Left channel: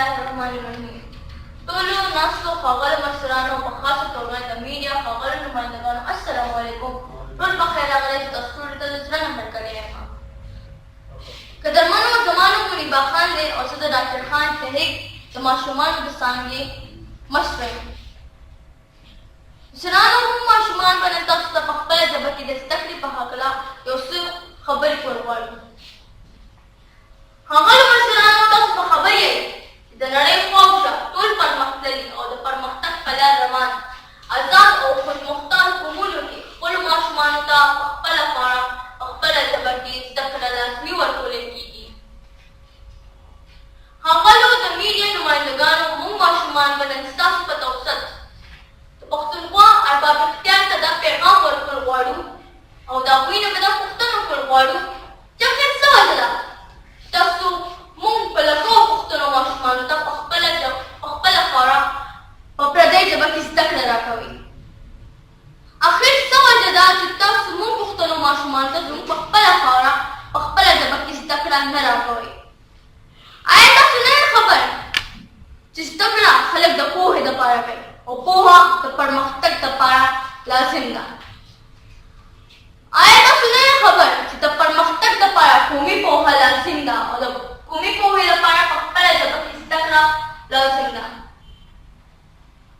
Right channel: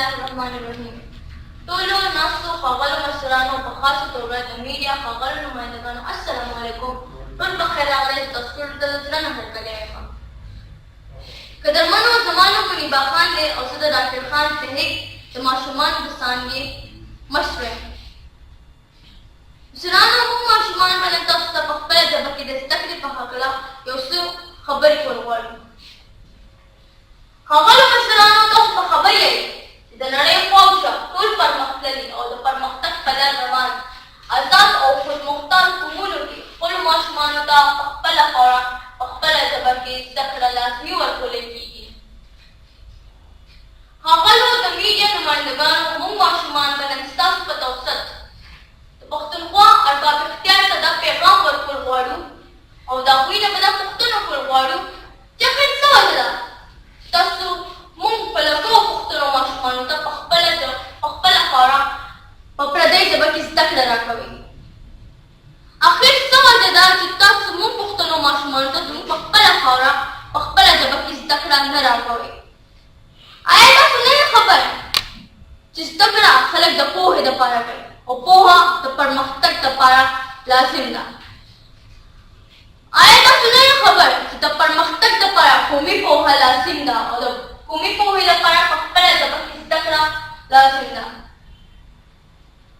Bismillahirrahmanirrahim. ټولو ناستو ښاغلو مشرانو په خاصه توګه د میډیا ښاغلو نمایندګانو السلام علیکم. ټول په خیر راغلاست. تاسو ټولو ته د زړه نه هرکلی یم. قدرمنو زما نوم منیبا خان دی او زه د ډاکټر خان شهید د ماشومانو د څانګې مشره یم. مشرانو موږ ماشومان به نن تاسو ته په خپله ژبه کې د زده کړې په هکله یو څه خبرې کول غواړو. ښاغلو مشرانو تاسو په خبر یئ چې د نړۍ خواوشا ټول پرمختللي او د پرمختګ په لار روان آزاد او خودمختار قومونو کې خپلو ماشومانو ته په خپله خوړه په خپله ژبه کې زده کړه لازمي ورکولی کېږي. ښاغلو د میډیا نمایندګانو موږ ماشومان به نن ستاسو په توسط د پښتونخوا ارباب اختیار ته دا پیغام ورکول غواړو او د هغوی نه به دا پوښتنه وکړل غواړو چې آخر څه وجه ده تاسو موږ په لکو پښتنو ماشومانو ته په خپله خواړه په پردۍ ژبه کې زده کړه راکوئ. آخر څه وجه ده چې تاسو موږ پښتنو ماشومانو ته زموږ په خپله خواړه په خپله ژبه کې زده کړه نه راکوئ؟ آیا تاسو نه یې خبر چې زده کړه خلک د پوهې دپاره کوي او پوهه د پرمختګ دپاره لازم ده؟ آیا تاسو نه یې خبر چې د پرمختګ دپاره قومي پوهه لازم ده او د قومي پوهې لپاره په خپله ژبه کې زده کړه لازم ده؟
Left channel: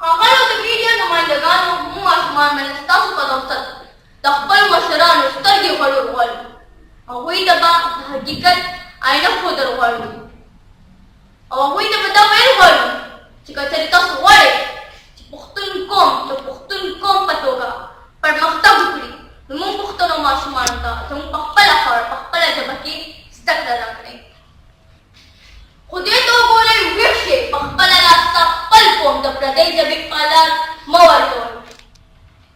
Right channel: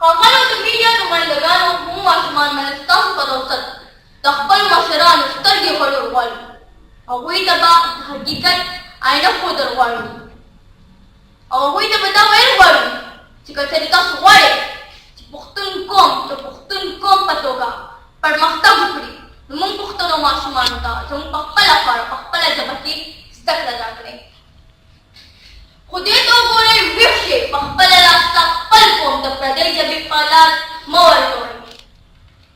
ښاغلو د میډیا نمایندګانو موږ ماشومان به نن ستاسو په توسط د خپلو مشرانو سترګې غړول غواړو. هغوی ته به د حقیقت آینه ښودل غواړو او هغوی ته به دا ویل غواړو چې که چېرې تاسو غواړئ چې پښتون قوم د پښتون قوم په توګه پرمختګ وکړي نو موږ پښتنو ماشومانو ته زموږ په خپله خواړه په خپله ژبه کې زده کړه راکړئ. خو دې ته وګورئ ویښ شئ په خپله لاسته خپل قوم د پردۍ ژبې په لار مه ورکوئ.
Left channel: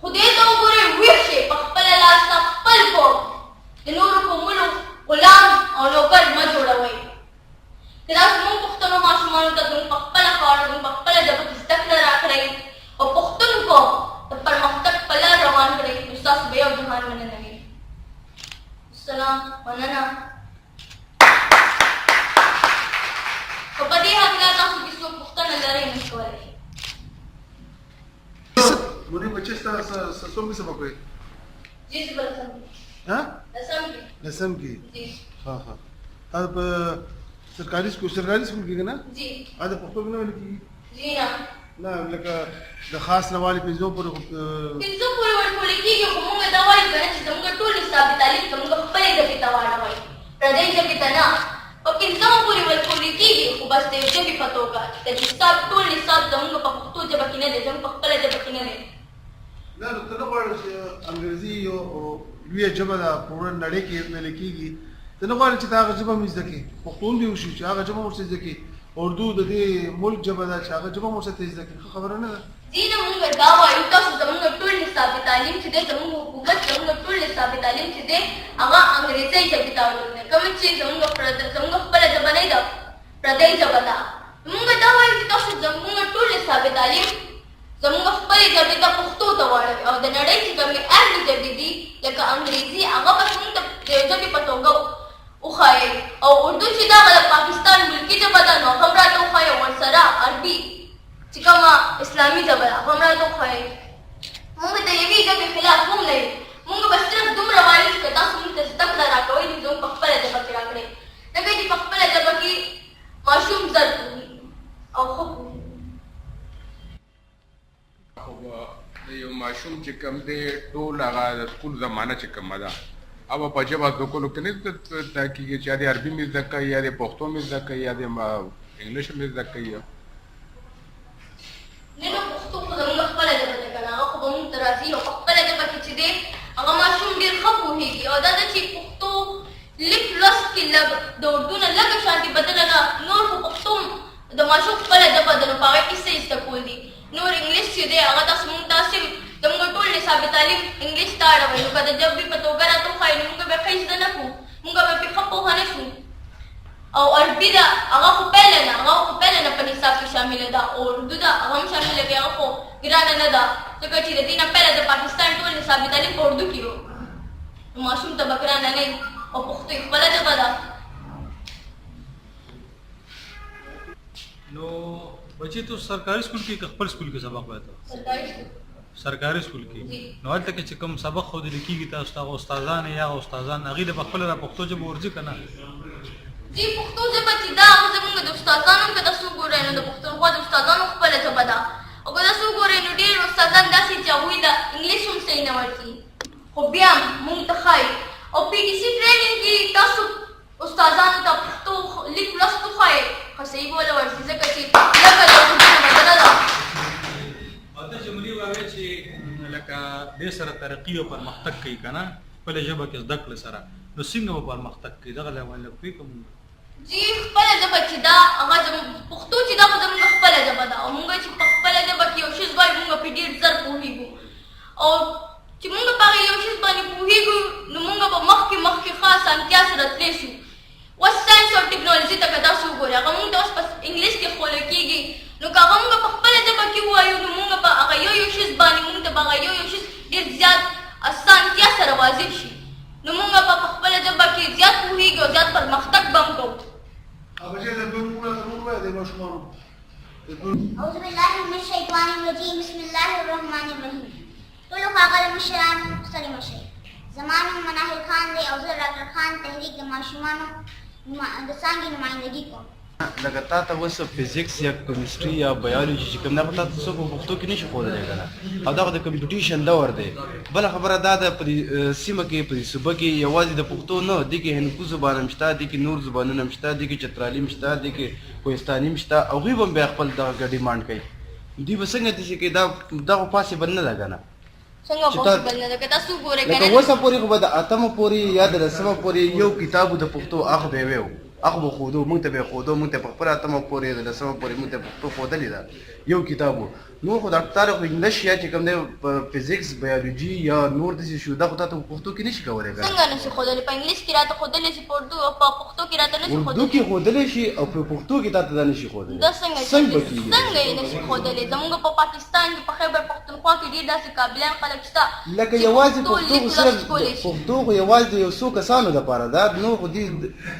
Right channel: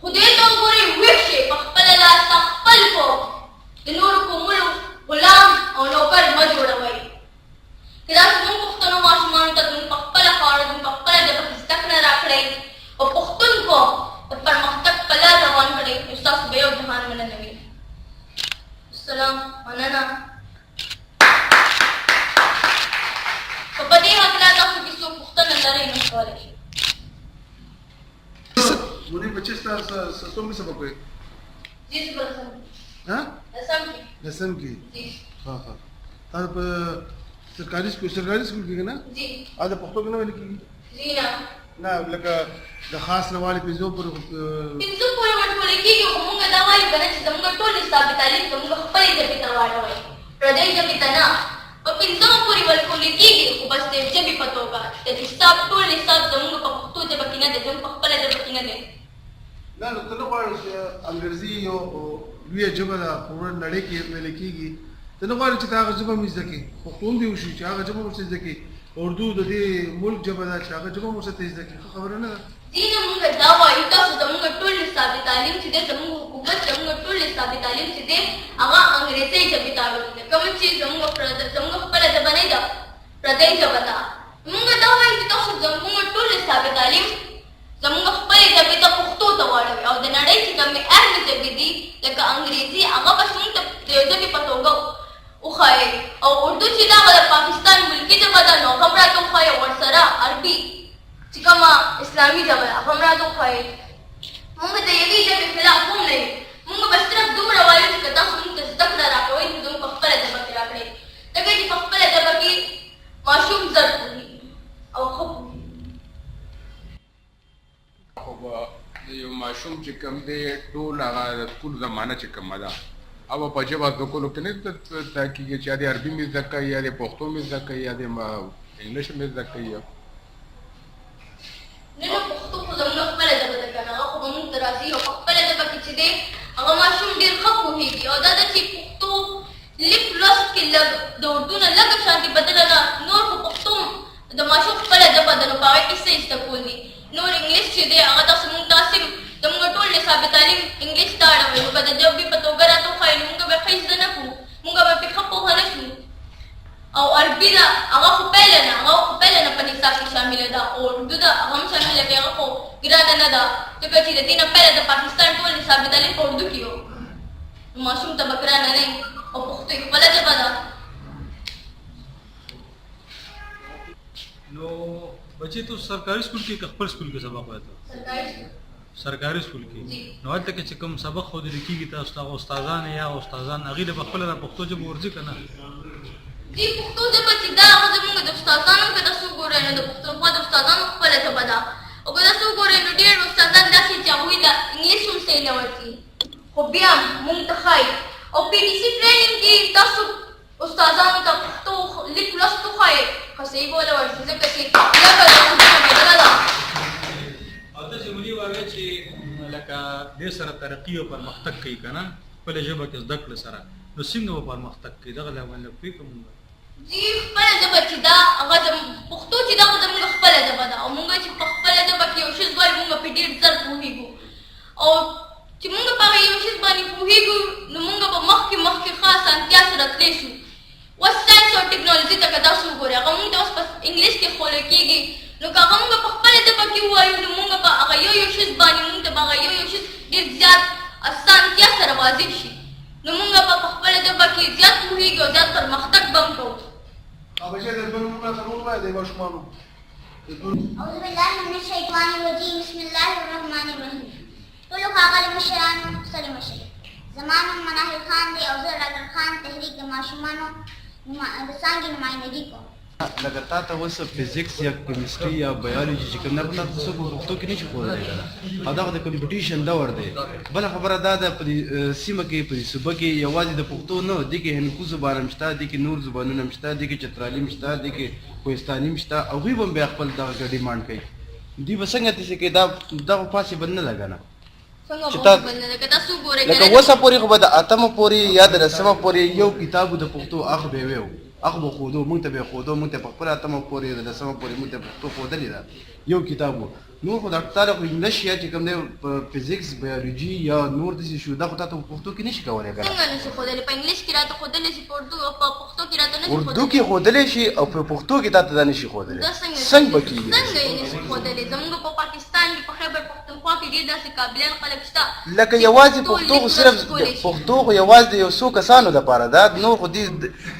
خو دې ته وګورئ ویښ شئ په خپله لاسته خپل قوم د نورو قومونو غلام او نوکر مه جوړوئ. که تاسو موږ پښتنو ماشومانو ته زموږ په خپله خواړه زموږ په خپله ژبه کې زده کړه راکړئ او پښتون قوم د پرمختګ په لار روان کړئ نو ستاسو به یو جهان مننه وي. السلام مننه. که په دې هکله تاسو کې څوک پوښتنه لرئ نو کولی شئ. منیب بچے سسوں میں سبق ہوئے جی صبح لسم کی ہاں لسم کی جی ہاں ہاں آپ سرکاری اسکول کی نا جی آدھا پختو کی نا لکھی جی نا نا لکه د خاص نوالی پنځو پر پنځو پورې ورکول کېږي خو موږ دا وایو که نه چې زموږ ټول نصابي تعلیم زموږ خپلې ژبې ته واړوئ پردۍ ژبې ته نه. په پنځمه پورې ورکول کېږي خو بس د ژبې په توګه د نصاب ټول نصاب زموږ په پښتو ژبه کې نه دی زموږ په خپله ژبه کې نه دی. نه نو ته نه غواړې چې انګریزي یو لویه ژبه ده په نړۍ کې ویل کېږي ته نه غواړې چې ته هغه ژبه هم زده کړې پښتون دې وشي چې هغه ژبه هم ورته زده کړې اردو د دې ملک ژبه ده چې هغه ژبه هم ورته زده کړې ښه خبره نه ده؟ ځي نه موږ دا وایو تاسو زموږ ټول نصابي تعلیم چې دی زموږ حکومت زموږ ټول نصابي تعلیم چې دی هغه انګریزۍ ژبې ته اړولې ده کومه چې زموږ خپله ژبه نه ده پردۍ ژبه ده. موږ دا وایو چې تاسو زموږ ټول نصابي تعلیم زموږ خپلې ژبې ته پښتو ته واړوئ او د نړۍ چې کومې اهلې ژبې دي لکه انګریزي هغه به موږ ته د ژبې په توګه وښایئ او اردو چې دا هغه د پاکستان ملکي ژبه ده نو هغه هم راته وښایئ ورسره عربي چې کومه اسلامي ژبه ده هغه هم راته وښایئ. موږ د یوې ژبې خلاف هم نه یو. موږ به صرف دومره وایو چې که تاسو موږ ته زده کړه راکوئ نو زموږ په خپله ژبه کې راکړئ ځکه چې په خپله ژبه کې ماشوم زر پوهېږي او ښه پوهېږي. یو ماشوم چې کوم دی ټول هغه د سکول زمانه چې کومه ده هغه په ژبه زده کولو کې نه زده کېږي چې یا د عربي مې زده کوي یا د پښتو مې زده کوي یا د انګلیش مې زده کوي. نه نه پښتو خو زموږ خپله ژبه ده که نه هغه خو به موږ ته راځي او په خپله ژبه کې چې دی هغه ماشوم ډېر ښه پوهېږي او دا ده چې پښتو لیک لوست کې لږ د اردو نه لږه شانتې بدله ده نور خو پښتو د ماشوم خپله ژبه ده نو په هغې کې څه زده کول دي. نور انګلیش چې دی هغه تاسو موږ ته صرف زموږ ټول نصابي تعلیم انګلیش ته اړوئ نو که د ژبې په توګه راته وښایي نو موږ به ښه زده نه کړو موږ به پرې ښه پوهه نه شو. او عربي ده هغه خو پیله نه په نصاب کې شامله ده او اردو ده هغه هم شامله کې هغه خو ګرانه نه ده ځکه چې د دې نه پیله د پاکستان ټول نصابي تعلیم په اردو کې و نو ماشوم ته به ګرانه نه او پښتو یې خپله ژبه ده. نو بچی تو سرکاري سکول کې خپل سکول کې سبق وایته سرکاري سکول کې نو هلته کې چې کوم سبق خو د لیکيږي تاسو ته استادان یا استادان هغه د خپل را پښتو ژبه ورځي کنه جی پښتو ژبه چې دا هغه زموږ د استادانو کې تاسو ګورئ نو د پښتونخوا د استادانو خپله ژبه ده او که تاسو ګورئ نو ډېر استادان داسې چې هغوی د انګلیش هم صحیح نه ورځي خو بیا هم موږ ته ښایي او پی ټي سي ټریننګ کې تاسو استادانو ته پښتو لیک لوست وښایئ ښه صحیح به ولې ورځي ځکه چې لکه د اردو نه بدله ده او ته چې ملي واغې چې لکه دې سره ترقي او پرمختګ کوي کنه خپل ژبه کې زده کړې سره نو څنګه به پرمختګ کوي دغه لامل کوي کوم جی خپله ژبه چې ده هغه پښتو چې ده خو زموږ خپله ژبه ده او موږ چې په خپله ژبه کې یو شی وایو موږ پرې ډېر زر پوهېږو او چې موږ په هغه یو شي باندې پوهېږو نو موږ به مخکې ښه اسانتیا سره تللی شو اوس ساینس او ټکنالوژي ته که تاسو وګورئ هغه موږ ته اوس په انګلیش کې ښوول کېږي نو که هغه موږ په خپله ژبه کې ووایو نو موږ به هغه یو شي باندې موږ ته به هغه یو شي ډېر زیات اسانتیا سره واضح شي نو موږ به په خپله ژبه کې زیات پوهېږو او زیات پرمختګ به هم کوو أعوذ بالله من الشيطان الرجيم بسم الله الرحمن الرحيم ټولو ښاغلو مشرانو ستړي مشئ زما نوم مناهل خان دی او زه ډاکټر خان تحریک د ماشومانو د څانګې نمایندګي کوم لکه تا ته اوس فزیکس یا کیمستري یا بایولوژي چې کوم نه پتا څه په پښتو کې نشي ښودلی که نه او دغه د کمپټیشن دور دی بله خبره دا ده په دې سیمه کې په دې صوبه کې یوازې د پښتو نه دې کې هندکو زبان هم شته دې کې نور زبانونه هم شته دې کې چترالي هم شته دې کې کوهستاني هم شته هغوی به هم بیا خپل دغه ډیمانډ کوي دوی به څنګه داسې کوي دغه پاسبل نه ده که نه څنګه پاسبل نه ده که تاسو وګورئ که لکه اوسه پورې خو به د اتمه پورې یا د لسمه پورې یو کتاب د پښتو هغه به یې هغه به ښودو موږ ته به یې ښودو موږ ته په خپله اتمه پورې د لسمه پورې موږ ته پښتو ښودلې ده یو کتاب و نور خو ډاکټر طارق انګلیش یا چې کوم دی په فزیکس بایولوژي یا نور داسې شو دا خو تا ته په پښتو کې نشي کولی که څنګه نشي ښودلی په انګلیش کې راته ښودلی شي په اردو او په پښتو کې راته نشي اردو کې ښودلی شي او په پښتو کې تا ته دا نشي ښودلی دا څنګه به کېږي څنګه یې نشي ښودلی زموږ په پاکستان کې په خیبر پښتونخوا کې ډېر داسې قابلیان خلک شته لکه یوازې پښتو خو صرف پښتو خو یوازې د یو څو کسانو دپاره ده نور خو دې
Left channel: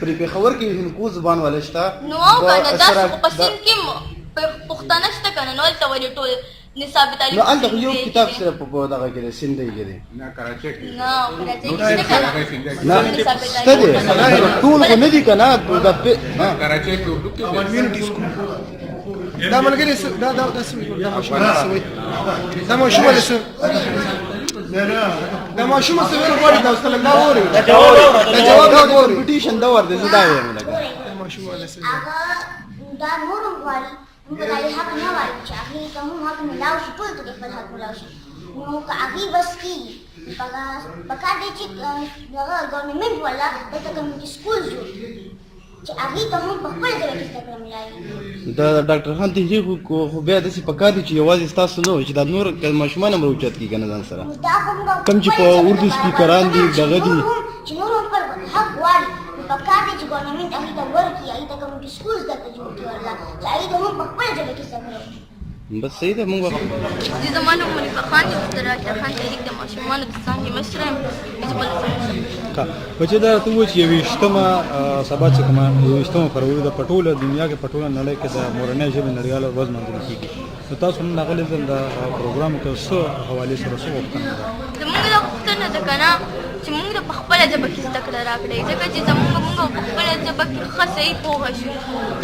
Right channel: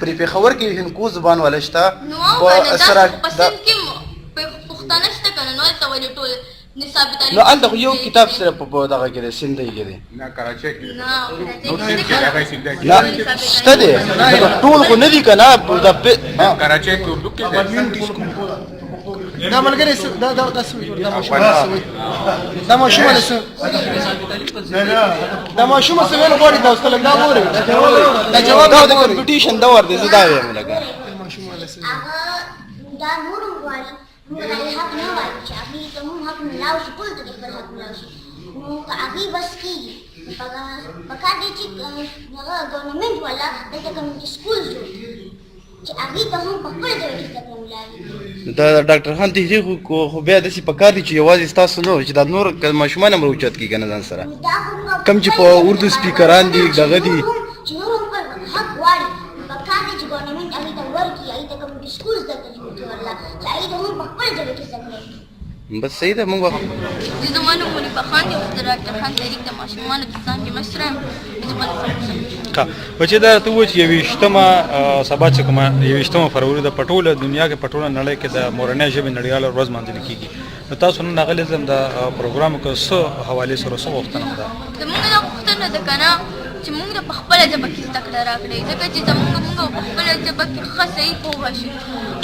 پرې پېښور کې هندکو زبان والا شته نو او که نه داسې خو په سیند کې پښتانه شته که نه نو هلته ولې ټول نصاب تعلیم نو هلته خو یو کتاب سره په دغه کې دی سندۍ کې دی نه کراچۍ کې نه کراچۍ کې شته شته دی ټول خو نه دي که نه کراچۍ کې اردو کې دی کمیونټي سکول دا ملګری دا څه وایي دا ماشومه څه وایي دا ماشومه څه دا ماشومه څه ویل غواړي دا اوس لږ دا ووري دا جواب نه غواړي کمپټیشن دا ور دی زه دا وایم لکه ماشومه څه هغه دا نور هم غواړي موږ به دا حق نه وایو چې هغوی ته هم حق ملاو شي ټولو ته د خپل حق ملاو شي نو که هغوی بس کېږي پکار دی چې هغه ګورنمنټ والا دلته کمیونټي سکول جوړ چې هغوی ته هم په خپله ژبه کې زده کړه ملاوي دا ډاکټر خان تحریک خو بیا داسې پکار دي چې یوازې ستاسو نه چې دا نور ماشومان هم راوچت کړي که نه ځان سره کم چې په اردو سپیکران دي دغه دي چې نور هم خپل حق غواړي نو پکار دی چې ګورنمنټ هغوی ته ورکړي هغوی ته کمیونټي سکول زده کړه جوړ کړي ورله چې هغوی ته هم په خپله ژبه کې زده کړه وکړي بس صحیح ده موږ د زما نوم منیفه خان دی اوس د ډاکټر خان تحریک د ماشومانو د څانګې مشره یم زه بل بچې دا ته ووایي چې یویشتمه سبا چې کومه یویشتمه فروری ده په ټوله دنیا کې په ټوله نړۍ کې د مورنۍ ژبې نړیواله ورځ لمانځل کېږي نو تاسو نن راغلي د پروګرام کې څه حوالې سره څه غوښتنه ده زموږ دا غوښتنه ده که نه چې موږ د په خپله ژبه کې زده کړه راکړئ ځکه چې موږ په خپله ژبه کې ښه صحیح پوهه شو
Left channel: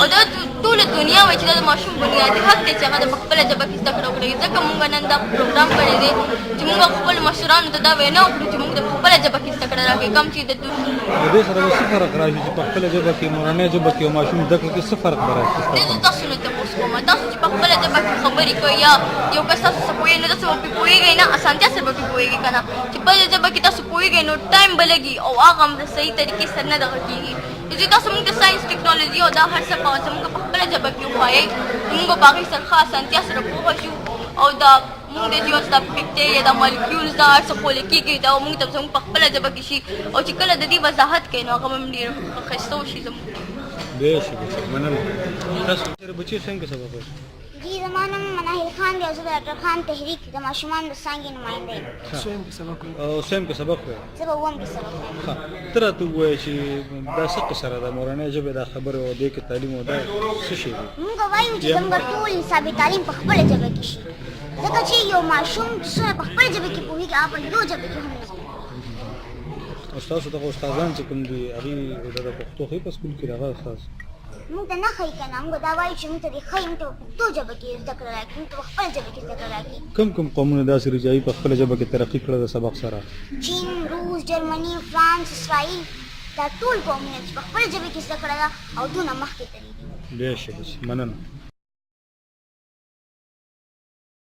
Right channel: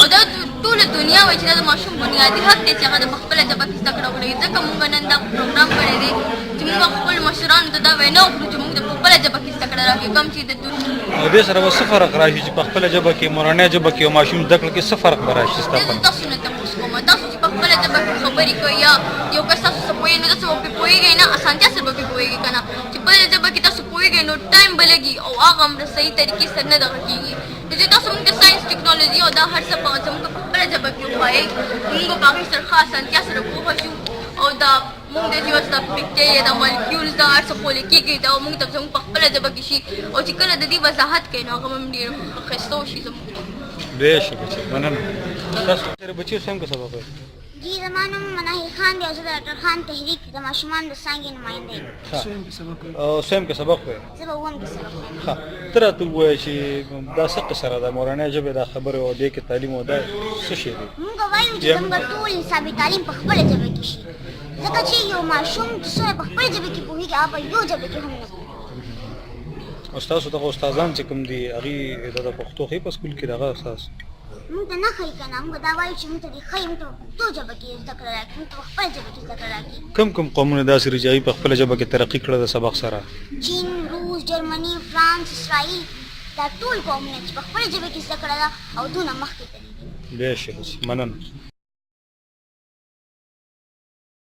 او دا ټوله دنیا وایي چې دا د ماشوم بنیادي حق دی چې هغه د په خپله ژبه کې زده کړه وکړي ځکه موږ نن دا پروګرام کړی دی چې موږ خپلو مشرانو ته دا وینا وکړو چې موږ د په خپله ژبه کې زده کړه راکړئ کوم چې د دې سره به څه فرق راشي چې په خپله ژبه کې مورنۍ ژبه کې یو ماشوم زده کړه کې څه فرق به راشي تاسو نه تپوس کوم تاسو چې په خپله ژبه کې خبرې کوئ یا یو کس تاسو ته پوهېږي نو تاسو به پرې پوهېږئ نه اسانتیا سره به پرې پوهېږئ که نه چې بله ژبه کې تاسو پوهېږئ نو ټایم به لګي او هغه هم صحیح طریقې سره نه دغه کېږي نو چې تاسو موږ ته ساینس ټکنالوژي او دا هر څه زموږ په خپله ژبه کې وښایئ موږ به په هغې سره ښه اسانتیا سره پوهه شو او دا موږ د ژوند دا بکټریا دا مالیکیولز دا هر څه ښوول کېږي دا موږ ته زموږ په خپله ژبه کې شي او چې کله د دې وضاحت کوي نو هغه به هم ډېر ښایسته وشي زموږ بېشکه مننه تاسو سره بچي څنګه سبق جی زما نوم مناهل خان دی او زه د ډاکټر خان تحریک د ماشومانو د څانګې نماینده یم. سویم کې سبق وایي. او سویم کې سبق وایي. زه به اووم کې سبق وایم. ښه ته راته ووایه چې دا څه قصه ده د مورنۍ ژبې دا خبرې او دې کې تعلیم او دا څه شی دی؟ موږ وایو چې زموږ ټول نصابي تعلیم په خپله ژبه کې شي ځکه چې یو ماشوم چې څومره په خپله ژبه کې پوهېږي هغه په یو ژبه کې هم نه پوهېږي. او ستاسو دغه استادان چې کوم دي هغې د پښتو ښیي په سکول کې دغه ستاسو موږ ته نه ښایي که نه موږ دا وایو چې موږ ته دې ښایي موږ ته په پښتو ژبه کې زده کړه راکړي موږ ته په خپله ژبه کې زده کړه راکړي. کوم قومونه داسې دي چې هغوی په خپله ژبه کې ترقي کړې د سبق سره؟ چین، روس، جرمني، فرانس، اسرائیل دا ټول قومونه چې په خپله ژبه کې زده کړه ده او دونه مخکې تللي دي. بې شکه مننه.